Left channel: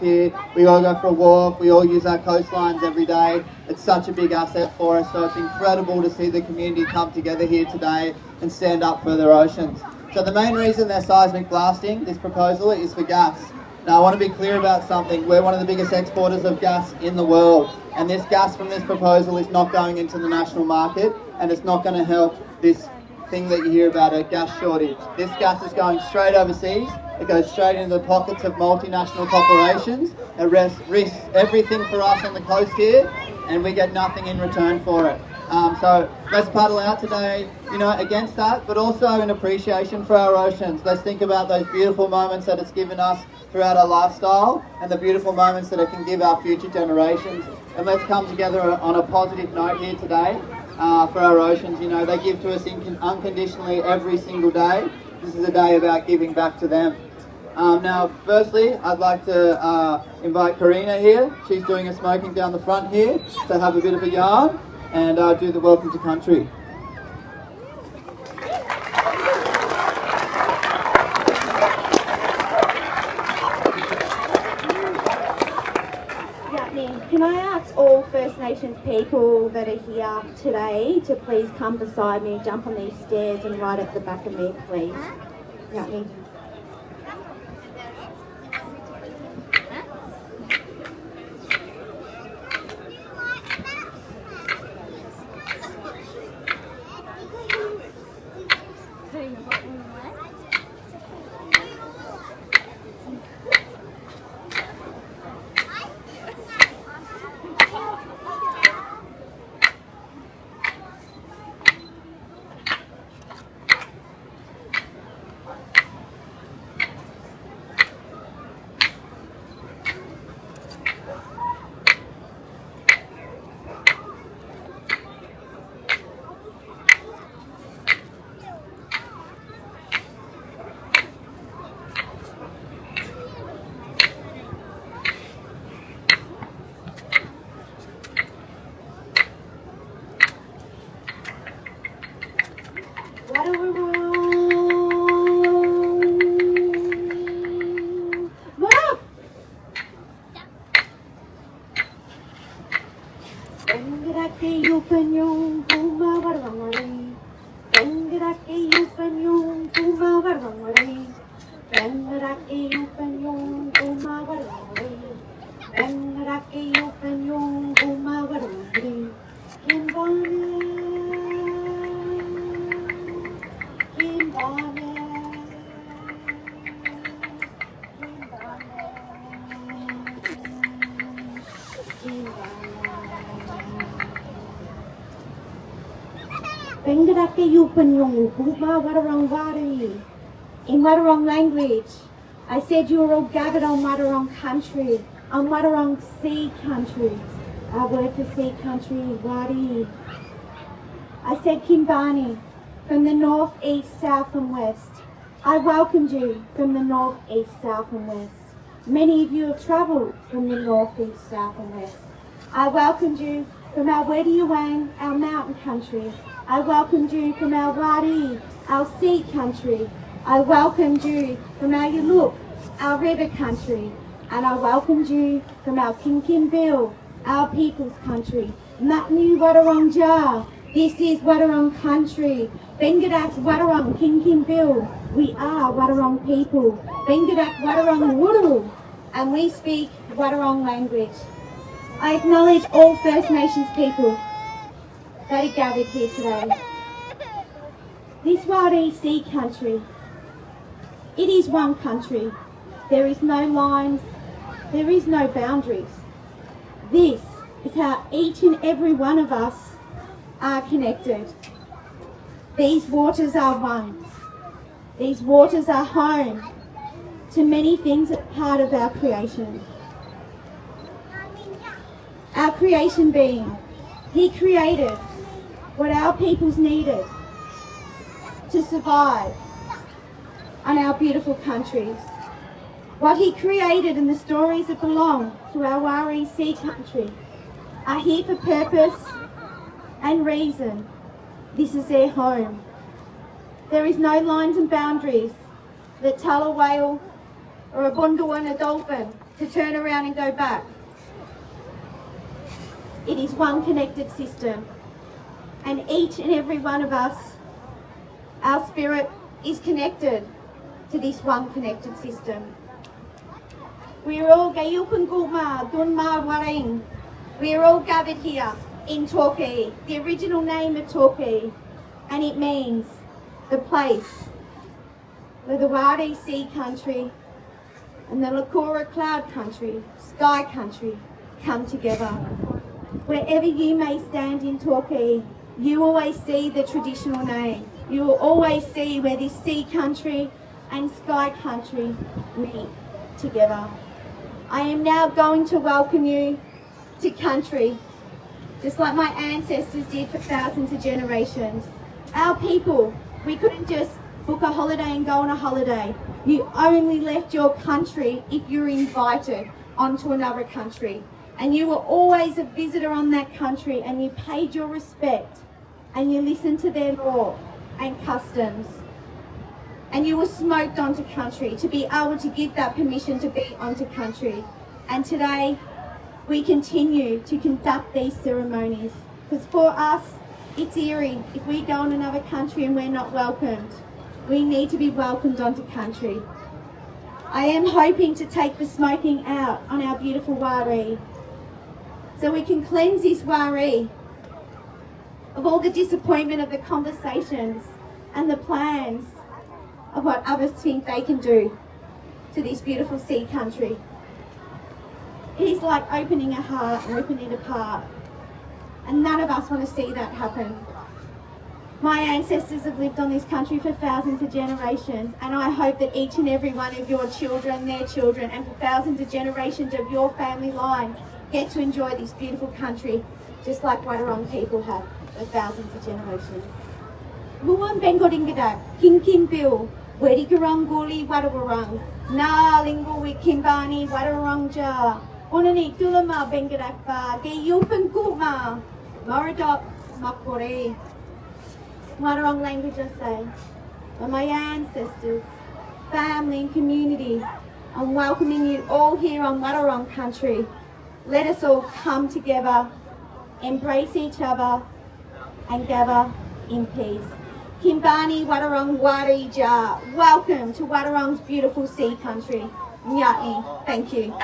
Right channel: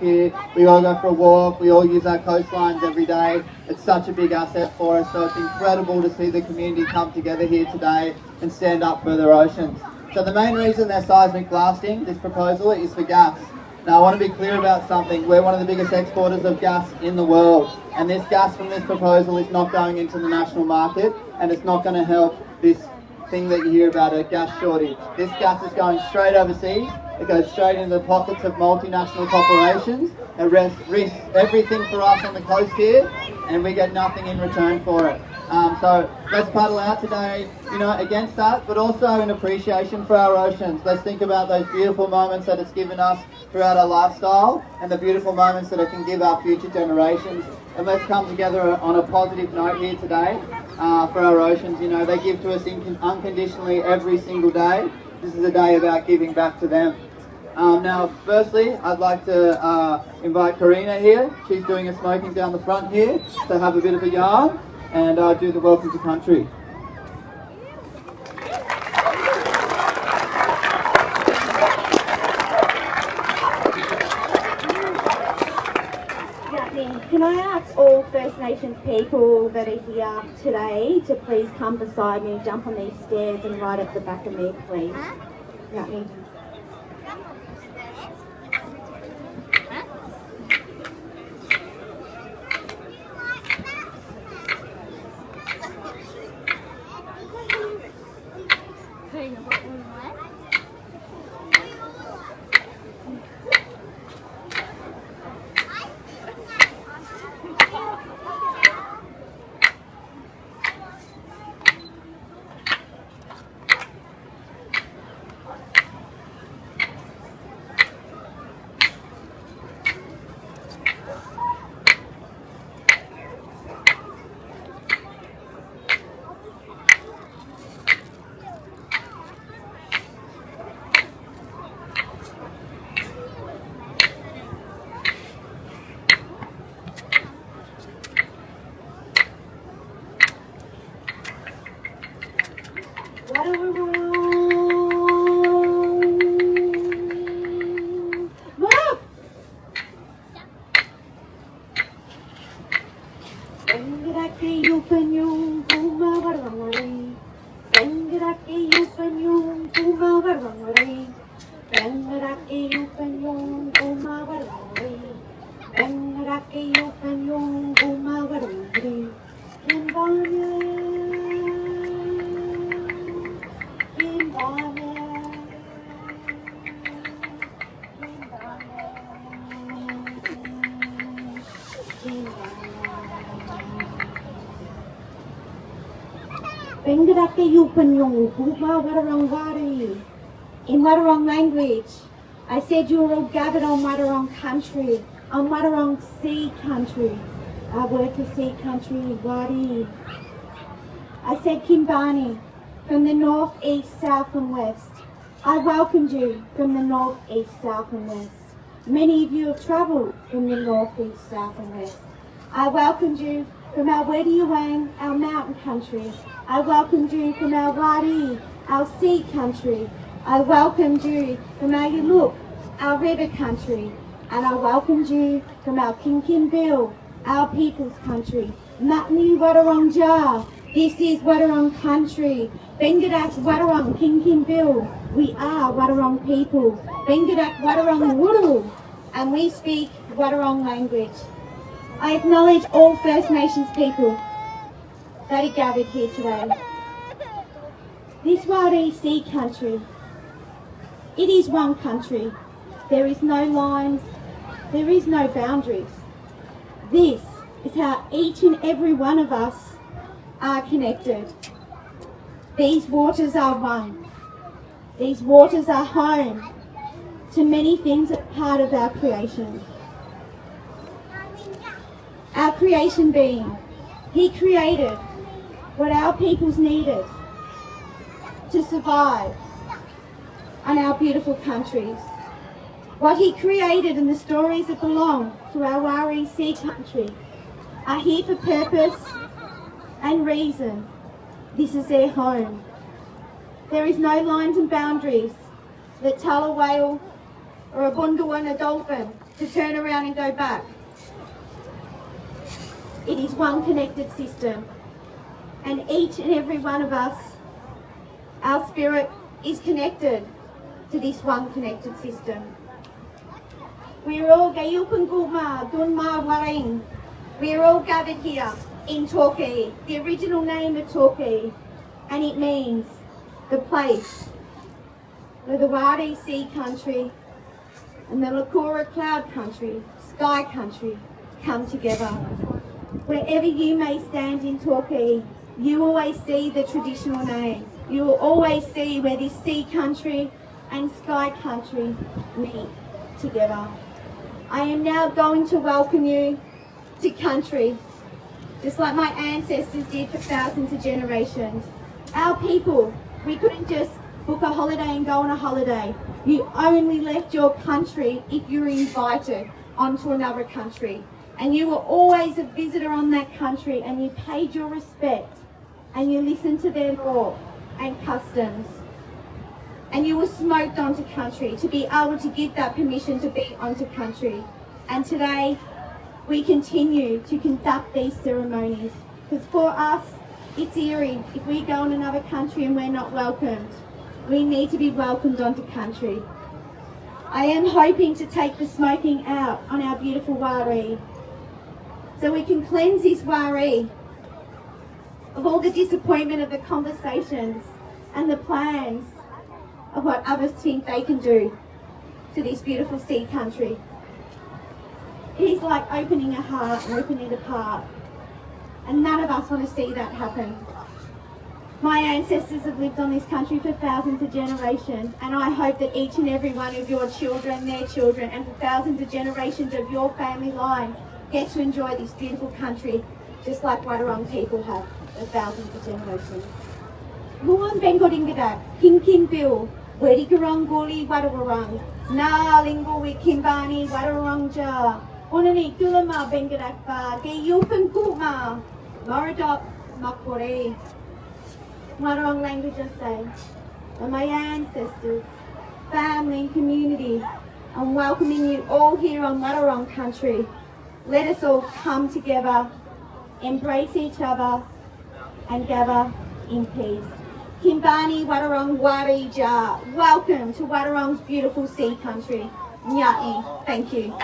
Here, we all go for a walk, we all use our coastlines every day. It's such a big asset for us, so it's incredible to see the community come together here today and stand up for their oceans. So the main reason they're seismic blasting this proposal is for gas. Now I want to be clear about something. We're one of the biggest exporters of gas in the world, and this gas from this proposal is not going into the national market, and it's not going to help this thing that you hear about, a gas shortage. This gas is going straight overseas. It goes straight into the pockets of multinational corporations. It risks everything for us on the coast here, and we get nothing in return for it. So let's paddle out today, against that, but also in appreciation for our oceans. Let's think about those beautiful moments that it's given us throughout our lifestyle, and the beautiful moments that it can give our future generations. And let's come together on a positive note here today for our oceans. They give to us unconditionally every single day. This is a day about giving back to them. Now, firstly, I'd like to invite Karina here. She's doing a smoking down the front here to have a bit of a yarn and do the Welcome to Country. Can I ask all First Nations people that are here today to please come beside me, jump on these stairs and right at the back of me, please. Right. In Wadawurrung language, I said you were all gathered on Wadawurrung country, on Wadawurrung sea country. Our word for sea country is Wadi. I said Kimbani, from the north, east, south and west. I welcomed you from the north, east, south and west. Many of you have travelled from the north, east, south and west. I welcomed you from our Wediawang, our mountain country. I welcomed you from our Wadi, our sea country. I welcomed you from our Yuluk, our river country. And I welcomed you from our Kinkimbil, our people's country. Matni Wadawurrung Jar, this is Wadawurrung country. Bengadak Wadawurrung Kinkimbil, we are Wadawurrung people. Bengadak Wadawurrung Wuru, and we speak Wadawurrung language. I acknowledge all First Nations people that are gathered here today. This Wadi Sea country, it is one country. There is no lines, there is no boundaries. This is how each and every one of us are connected. These waters are one. These waters are home to many things that are part of our creation. Our creation being, He created what our peoples needed to survive on our beautiful countries. What He created and the stories that belong to our Wari Sea country are here for purpose and reason. This is their home. There is no lines and boundaries that tell a whale or a bundu and a dolphin to turn around and go back. It is one connected system, and each and every one of us, our spirit is connected to this one connected system. We are all gathered here in Torquay, the original name of Torquay, and it means the place where the Wadi Sea Country and the Lakura Cloud Country, Sky Country, come together. Wherever you may stand in Torquay, you always see the traditional name. You will always see where this Sea Country and Sky Country meet together. I am now going to welcome you to country, just like my ancestors did for thousands of generations. Our people, we couldn't just book a holiday and go on a holiday. You only left your country if you were invited onto another country. And you were always a visitor on that country, and you paid your respect and you listened to their law and customs. And you were smoked onto country to be able to give that permission to be onto country. And today, we continue to conduct these ceremonies. Because for us, it's eerie if we go in another country and we're not welcomed. We need to be welcomed onto country. I am hoping to take the smoking out on our beautiful Wari, so we can cleanse this Wari of all the disappointment of the conversations and the plans of what others think they can do to this beautiful sea country. It is like opening a heart and ripping it apart, and none of us want to see that happen. My ancestors have lived on this country for thousands of generations, and I hope that each and every one of your children, their children, and for thousands of generations of your family lines get to enjoy this beautiful country just like Wadawurrung people have for thousands of generations. Muan Bengodingadak, King King Bill, Wedigarong Guli Wadawurrung, Na Lingui Kimbani Wadawurrung Ja, Onani Kulama Bengadak Ba, Gayupan Kuma, Maradop Makore. Wadawurrung language I say, are my ancestors, family, community. I'm welcoming you all here on Wadawurrung country. Let us all come together, embrace each other, and gather in peace. Kimbani Wadawurrung Wari Ja. Welcome to Wadawurrung's beautiful sea country. Nyati. Thank you.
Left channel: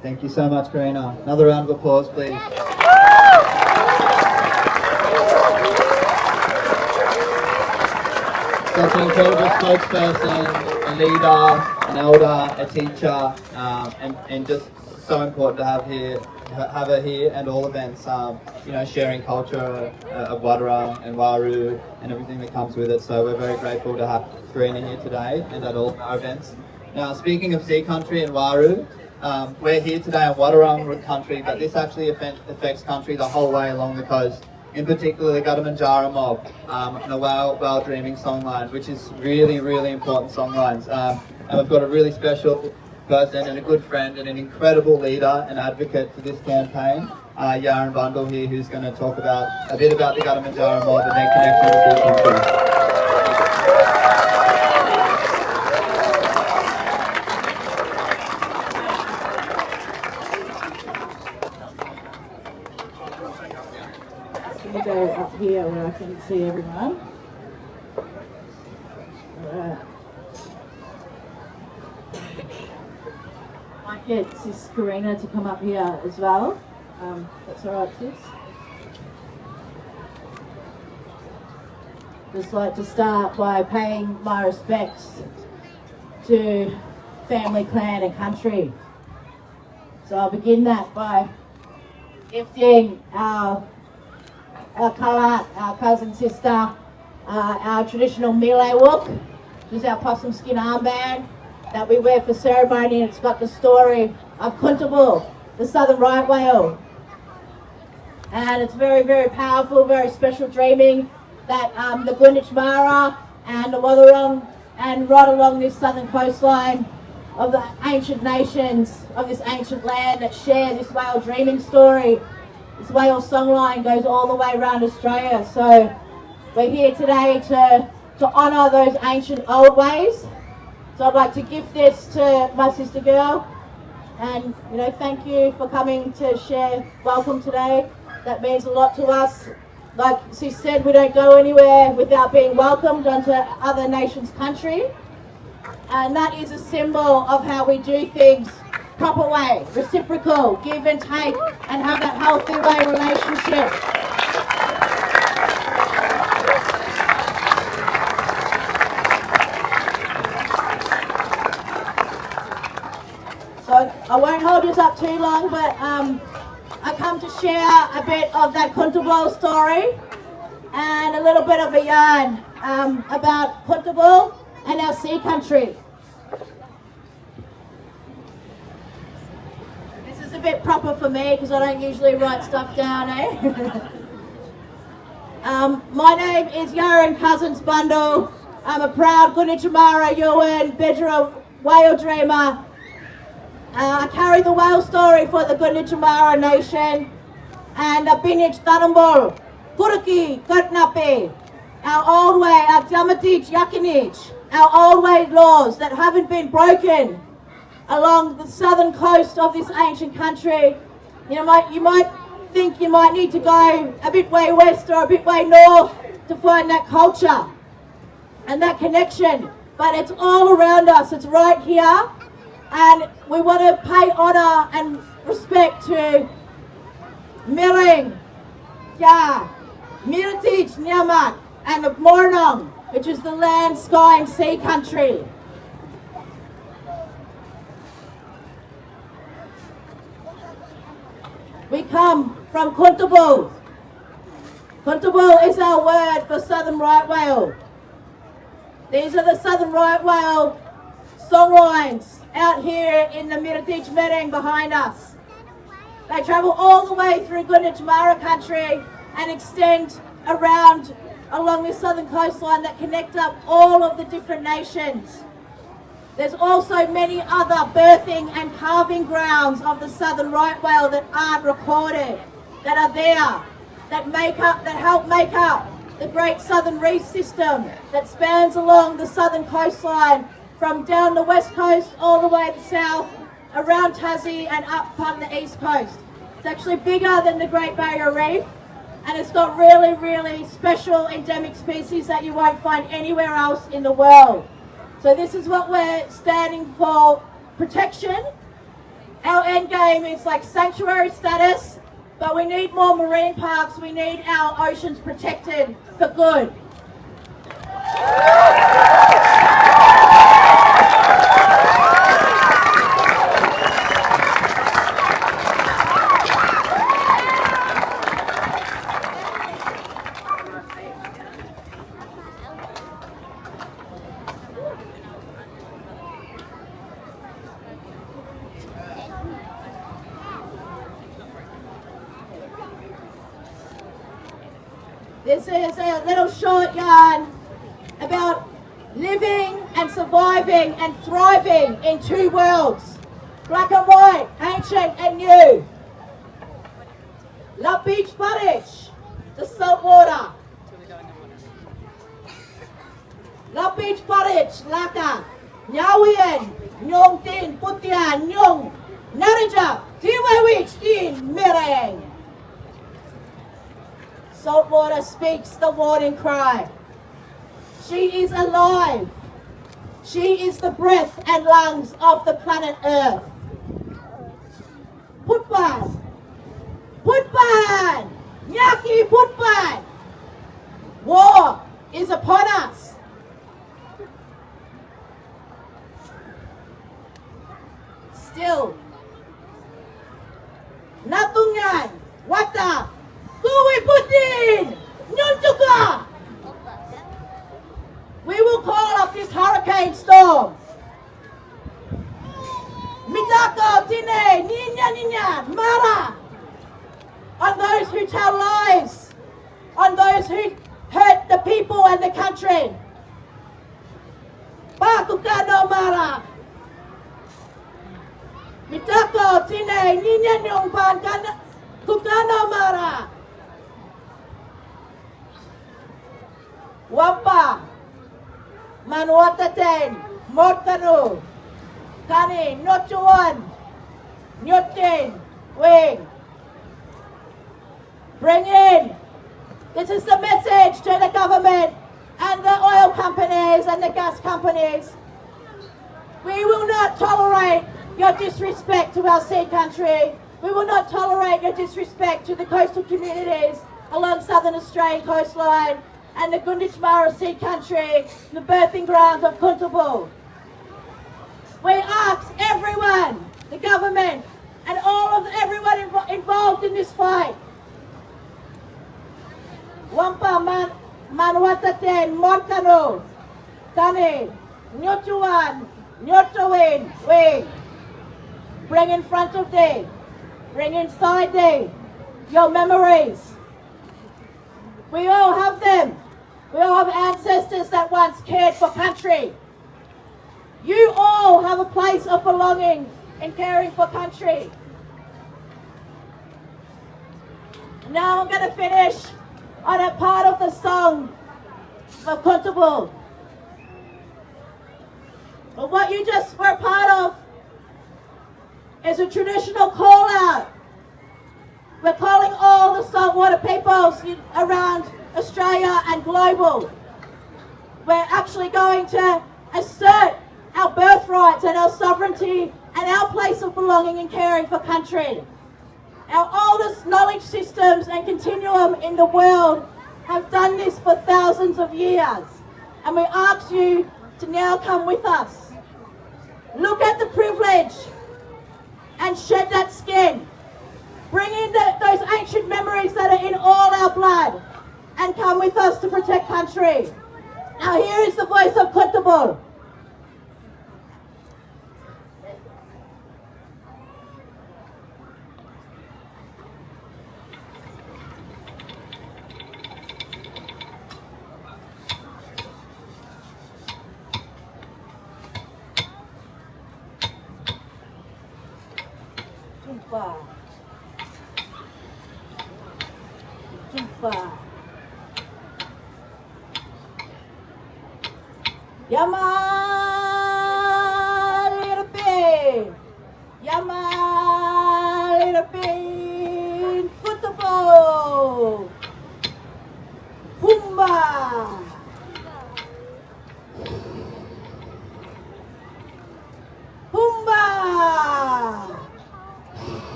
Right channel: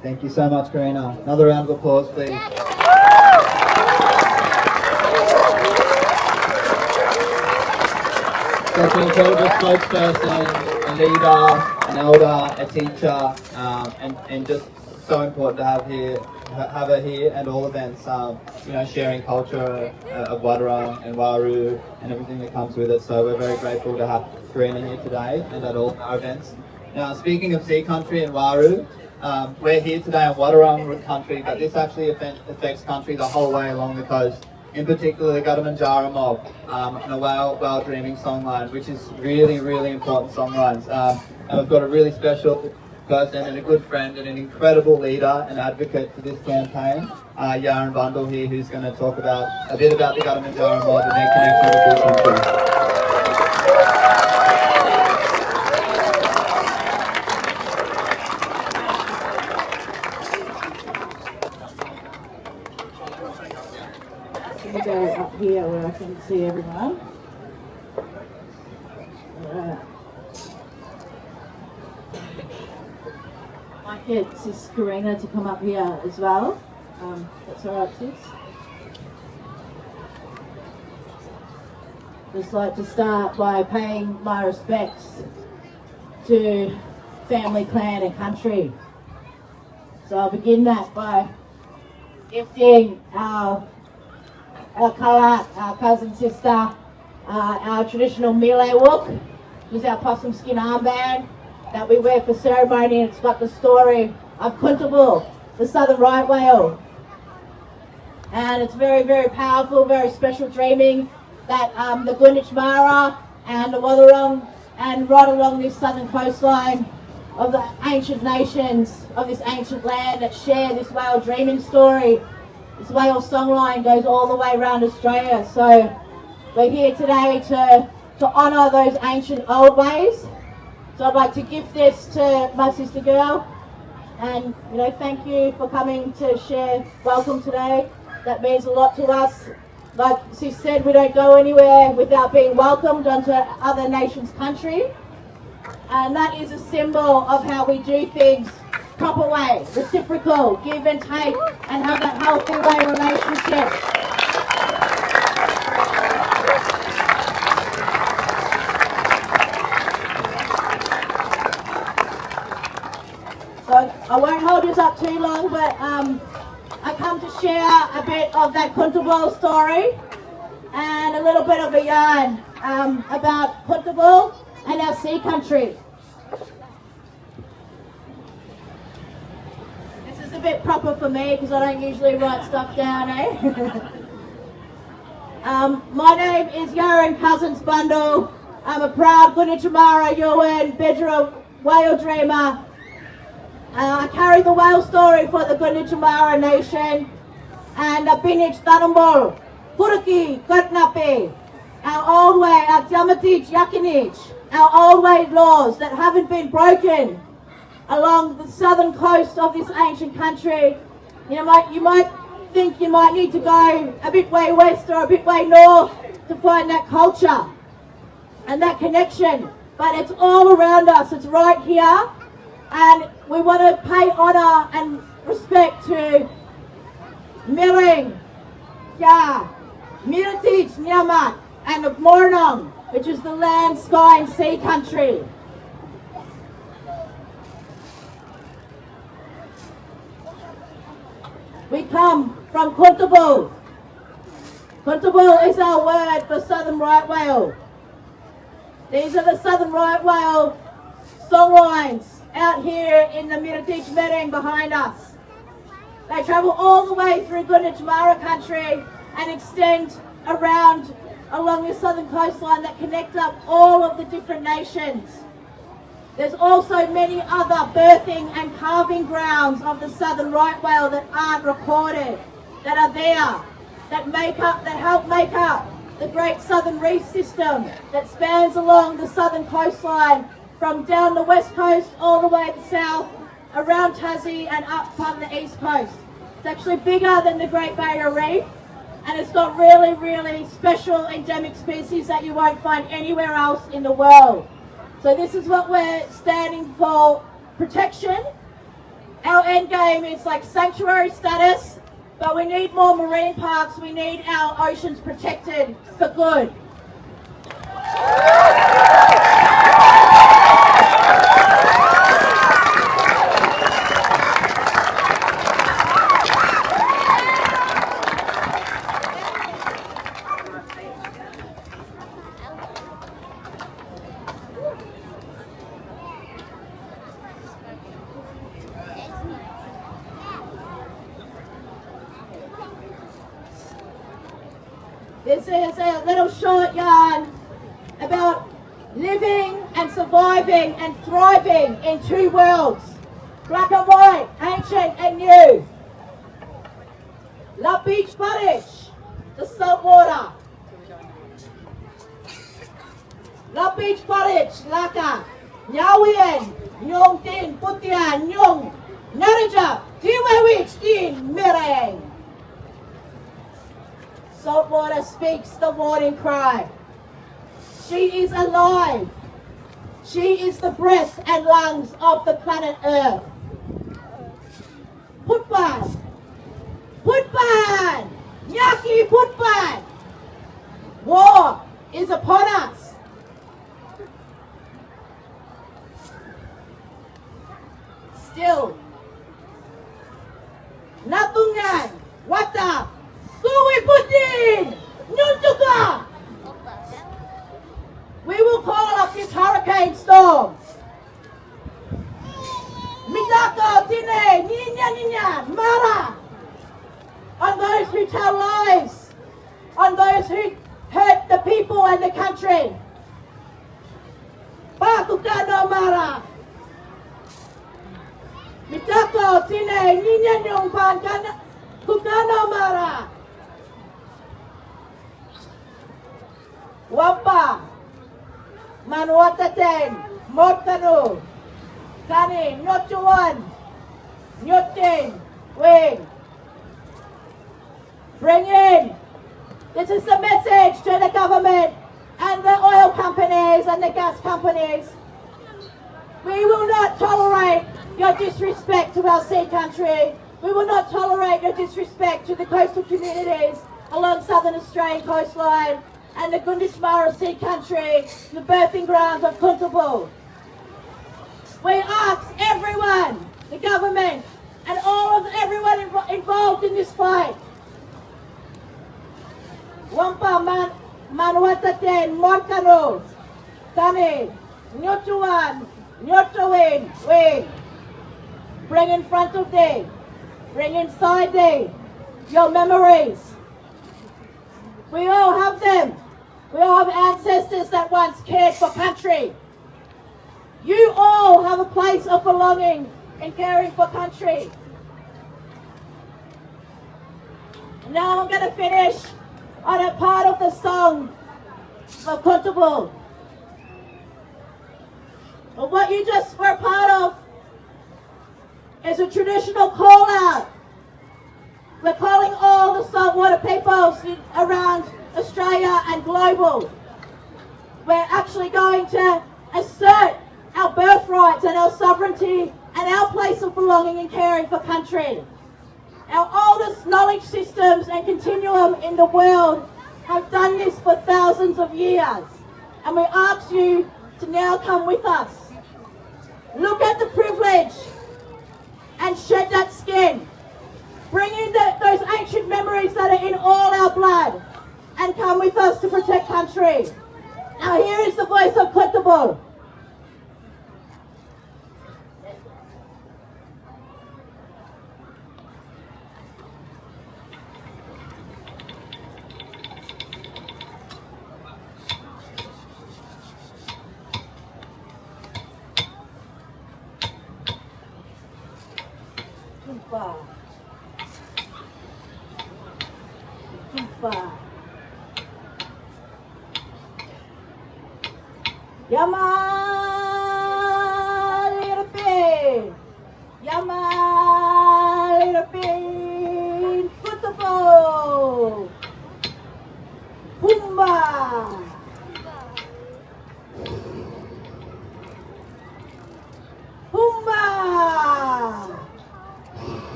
Thank you so much, Karina. Another round of applause, please. Such an incredible spokesperson, a leader, an elder, a teacher, and just so important to have her here at all events. Sharing culture of Wadawurrung and Waru and everything that comes with it. So we're very grateful to have Karina here today and at all our events. Now, speaking of sea country and Waru, we're here today on Wadawurrung country, but this actually affects country the whole way along the coast. In particular, the Gadamanjara mob and the Well Dreaming songline, which is really, really important songlines. And we've got a really special person and a good friend and an incredible leader and advocate for this campaign, Yaran Bundle here, who's going to talk a bit about the Gadamanjara mob and their connection with this country. Go up here where I can see everyone. might get Sis Karina to come up here as well. That's all right, Sis. Just like to start by paying my respects to family, clan and country. So I'll begin that by gifting our colour, our cousin sister, our traditional Malay look. Use our possum skin armband that we wear for ceremony, and it's got the story of Kuntabul, the southern right whale. And it's very, very powerful, very special dreaming that the Greenwich Mara and the Watherong and right along this southern coastline of the ancient nations of this ancient land that share this whale dreaming story. This whale songline goes all the way around Australia. So we're here today to honour those ancient old ways. So I'd like to gift this to my sister girl, and thank you for coming to share Wellcome today. That means a lot to us. Like she said, we don't go anywhere without being welcomed onto other nations' country, and that is a symbol of how we do things proper way, reciprocal, give and take, and have that healthy way relationship. So I won't hold this up too long, but I come to share a bit of that Kuntabul story and a little bit of a yarn about Kuntabul and our sea country. This is a bit proper for me because I don't usually write stuff down, My name is Yaran Cousins Bundle. I'm a proud Gunichamara, Yuan, Bedra whale dreamer. I carry the whale story for the Gunichamara Nation and the Binich Tanambol, Kuraki, Kurtnape, our old way, our Jamatich Yakinich, our old way laws that haven't been broken along the southern coast of this ancient country. You might think you might need to go a bit way west or a bit way north to find that culture and that connection, but it's all around us, it's right here. And we want to pay honour and respect to Milling, Miltich, Nyamat, and the Mornong, which is the land, sky and sea country. We come from Kuntabul. Kuntabul is our word for southern right whale. These are the southern right whale songlines out here in the Miratich Mereng behind us. They travel all the way through Greenwich Mara country and extend around along the southern coastline that connect up all of the different nations. There's also many other birthing and calving grounds of the southern right whale that aren't recorded, that are there, that help make up the great southern reef system that spans along the southern coastline from down the west coast all the way to south, around Tassie and up on the east coast. It's actually bigger than the Great Barrier Reef, and it's got really, really special endemic species that you won't find anywhere else in the world. So this is what we're standing for: protection. Our end game is like sanctuary status, but we need more marine parks. We need our oceans protected for good. This is a little short yarn about living and surviving and thriving in two worlds, black and white, ancient and new. La Beach Buttage, the salt water. La Beach Buttage, Laka, Nyawian, Nyong Tin, Putian, Nyong, Naranja, Tiwawich, Din, Mereng. Salt water speaks the warning cry. She is alive. She is the breath and lungs of the planet Earth. Putban! Putban! Nyaki Putban! War is upon us. Still, Natungan, Wata, Kuwi Putin, Nyuntuka! We will call up this hurricane storm. Mitaka, Tine, Ninya, Mara. On those who tell lies. On those who hurt the people and the country. Bakukano Mara. Mitaka, Tine, Ninya, Kukano Mara. Wampa. Manuataten, Mortanu, Kani, Notuan, Nyotin, Wing. Bring in. This is the message to the government and the oil companies and the gas companies. We will not tolerate your disrespect to our sea country. We will not tolerate your disrespect to the coastal communities along southern Australian coastline and the Gunditjmara Sea Country, the birthing grounds of Kuntubu. We ask everyone, the government, and everyone involved in this fight. Wampa Manwataten, Morkano, Tani, Nyotuan, Nyotowin, Wing. Bring in front of thee, bring inside thee your memories. We all have them. We all have ancestors that once cared for country. You all have a place of belonging in caring for country. Now I'm going to finish on a part of the song of Kuntubu. But what you just were part of is a traditional call out. We're calling all the saltwater peoples around Australia and global. We're actually going to assert our birthrights and our sovereignty and our place of belonging in caring for country. Our oldest knowledge systems and continuum in the world have done this for thousands of years. And we ask you to now come with us. Look at the privilege and shed that skin. Bring in those ancient memories that are in all our blood and come with us to protect country. Now here is the voice of Kuntubu. Yamalirpe, Kuntubu, Humba, Humba.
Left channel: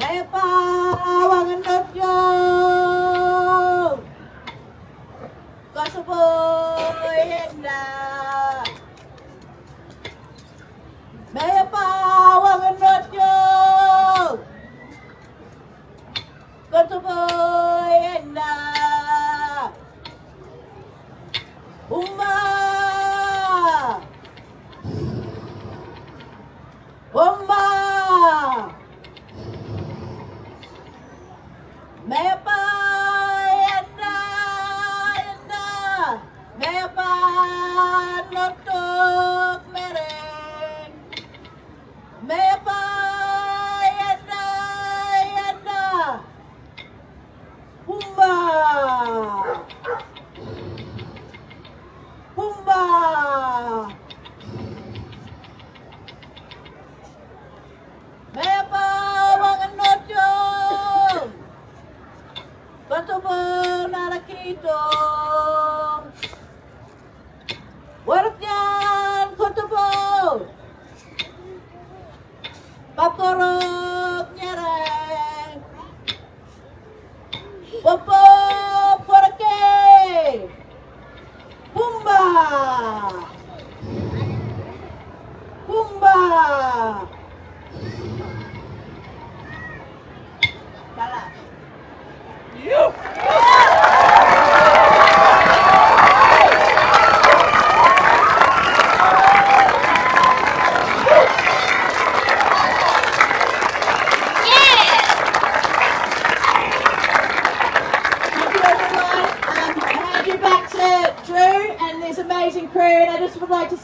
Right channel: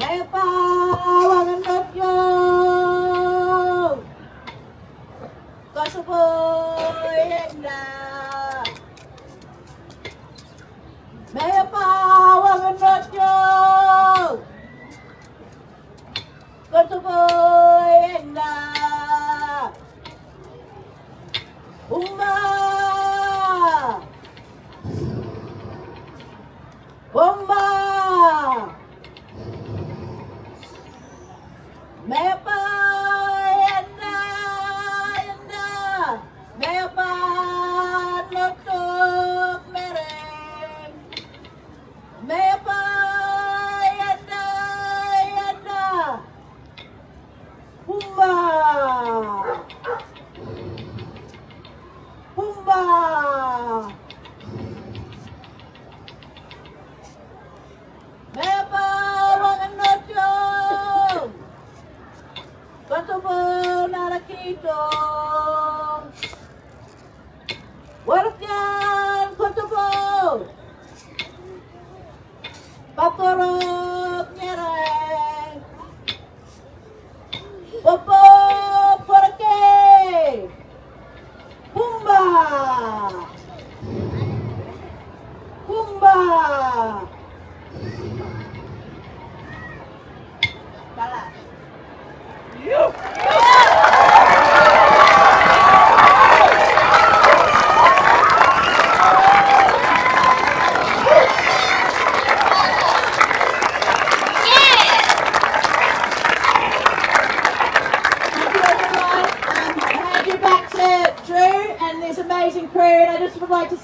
Mepa wanganatyo, Kosovoyenda. Mepa wanganatyo, Kosovoyenda. Umma, Umma. Mepa yenda, Mepa notuk mereng.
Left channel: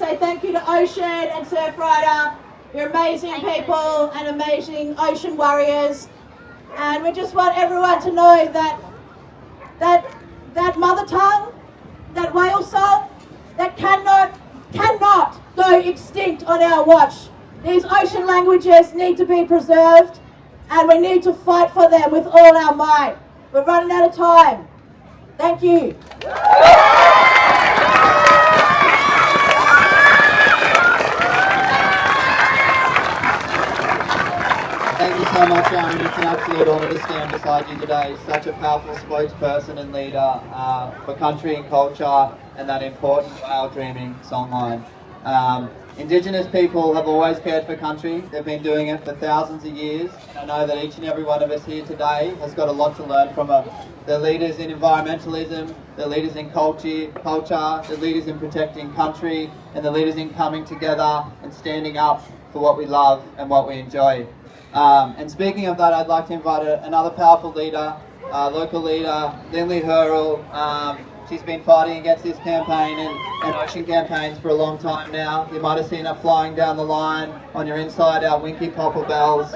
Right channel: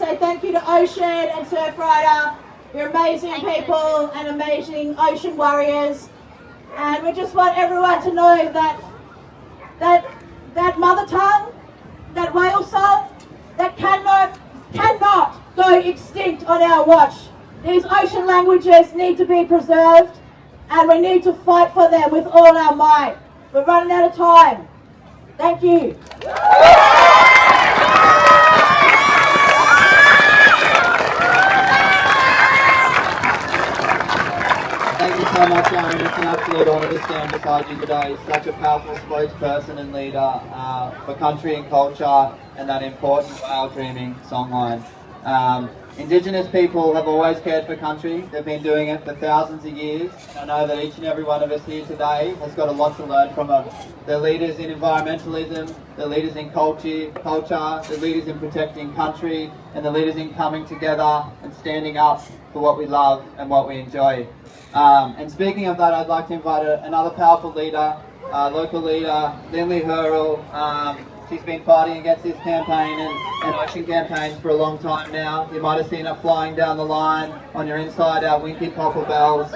say thank you to Ocean and Surfrider. You're amazing people and amazing ocean warriors. And we just want everyone to know that mother tongue, that whale song, that cannot go extinct on our watch. These ocean languages need to be preserved, and we need to fight for them with all our might. We're running out of time. Thank you. Thank you so much, Aaron. It's an absolute honour to stand beside you today. Such a powerful spokesperson and leader for country and culture, and that important whale dreaming songline. Indigenous people have always cared for country. They've been doing it for thousands of years. I know that each and every one of us here today has got a lot to learn from them. They're leaders in environmentalism, they're leaders in culture, they're leaders in protecting country, and they're leaders in coming together and standing up for what we love and what we enjoy. And speaking of that, I'd like to invite another powerful leader, local leader, Lindley Hurrell. She's been fighting against this campaign and ocean campaigns for a long time now. You might have seen her flying down the line on your inside our Winky Popper Bells.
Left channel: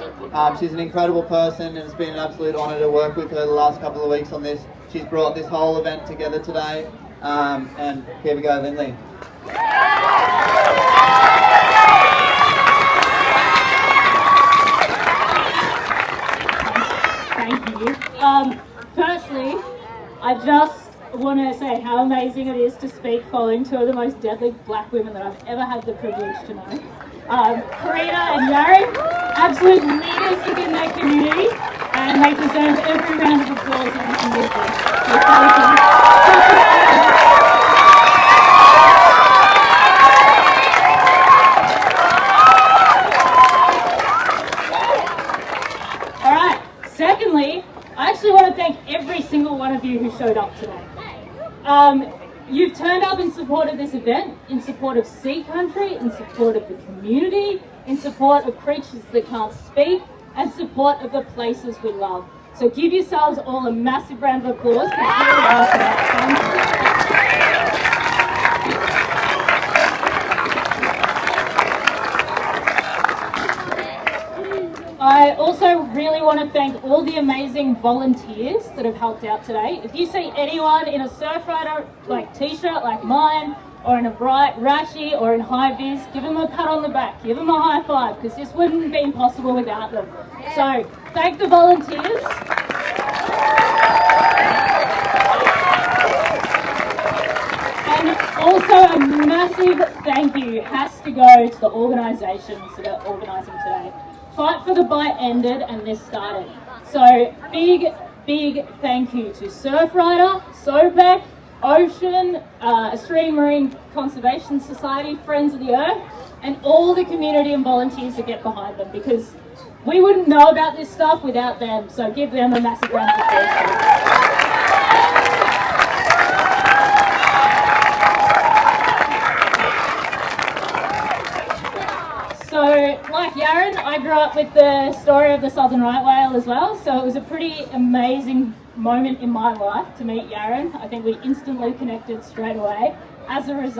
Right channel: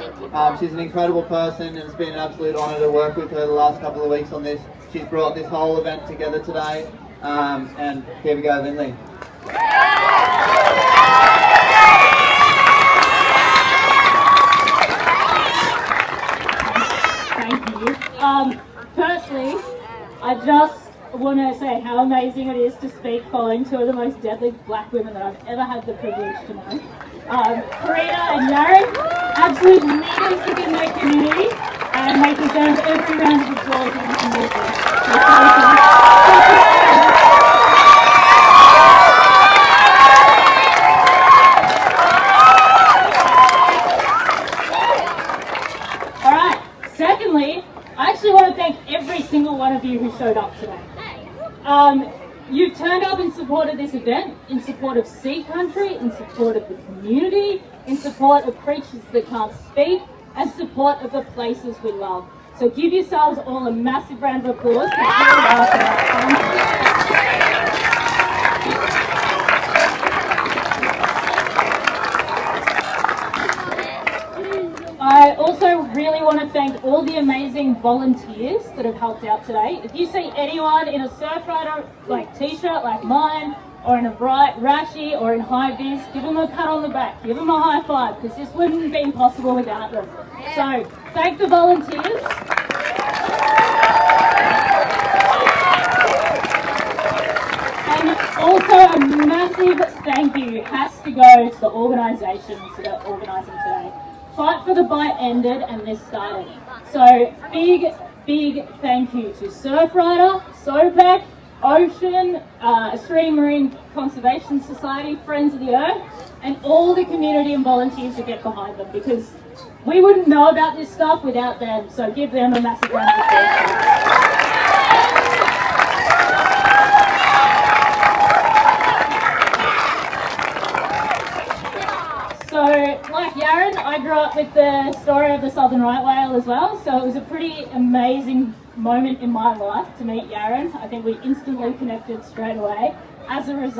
She's an incredible person, and it's been an absolute honour to work with her the last couple of weeks on this. She's brought this whole event together today. And here we go, Lindley. Thank you. Firstly, I just want to say how amazing it is to speak following two of the most deadly black women that I've ever had the privilege to know. Karina and Yaren, absolute leaders within their community, and they deserve every round of applause that we can give them. So thank you. Alright, secondly, I actually want to thank every single one of you who showed up today. You've turned up in support of this event, in support of sea country, in support of the community, in support of creatures that can't speak, and support of the places we love. So give yourselves all a massive round of applause for who we are tonight. I also really want to thank all the amazing volunteers that have helped out today. If you see anyone in a Surfrider like t-shirt like mine, or in a bright rashi, or in high vis, give them a pat on the back, give them a high five, because this wouldn't have been possible without them. So thank the volunteers. And also a massive thank you has to go to the organisations that are organising today. Fight for the Bite ended and this started. So big thank you to Surfrider, SOPEC, Ocean, Australian Marine Conservation Society, Friends of the Earth, and all the community and volunteers that get behind them, because we wouldn't know about this stuff without them. So give them a massive round of applause. So, like Yaren, I grew up with the story of the Southern Right Whale as well, so it was a pretty amazing moment in my life to meet Yaren. I think we instantly connected straight away as a result.